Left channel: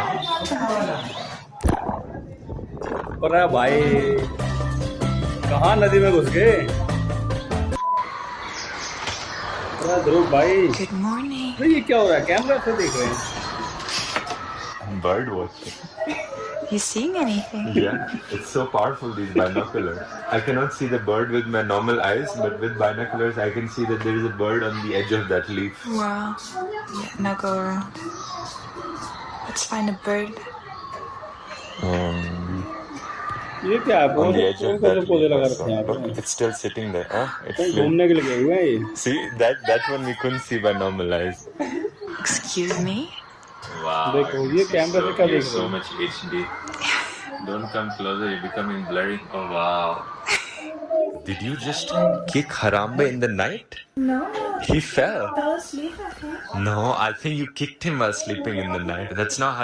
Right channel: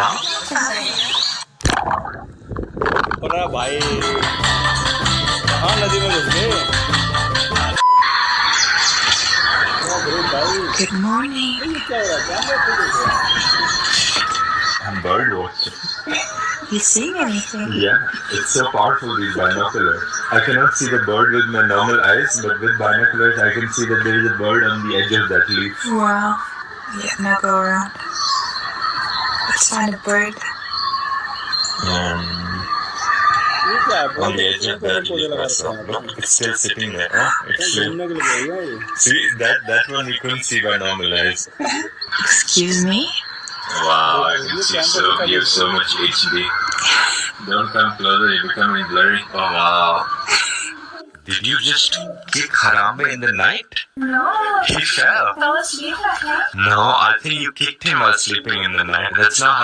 now? अरे भाई कहाँ नदी में घुस गए? भाई Good morning. ये क्या हो रहा है? कैमरा खोल रहे I'm bird watching. You see anything? Yeah, it's so powerful, these binoculars. I cannot see the bird with my normal eyes, but with binoculars I can see that there is a bird on the edge of that leaf. Wow. Yeah, now go around. Let's find a bird. ये क्या है? On the edge of that leaf, I saw. Look, it's still sitting there. Huh? It's still... घूमने के लिए गई हुआ है ये। See, that one you couldn't see by normal eyes. Excuse me? Wow, I can see so, you have so much HD. Don't come closer, you're becoming blurry. Oh wow. Did you just kick Harambe in the night? No. He fell. Fell asleep at night. No, I think you kicked him while sleeping in the night. That's not how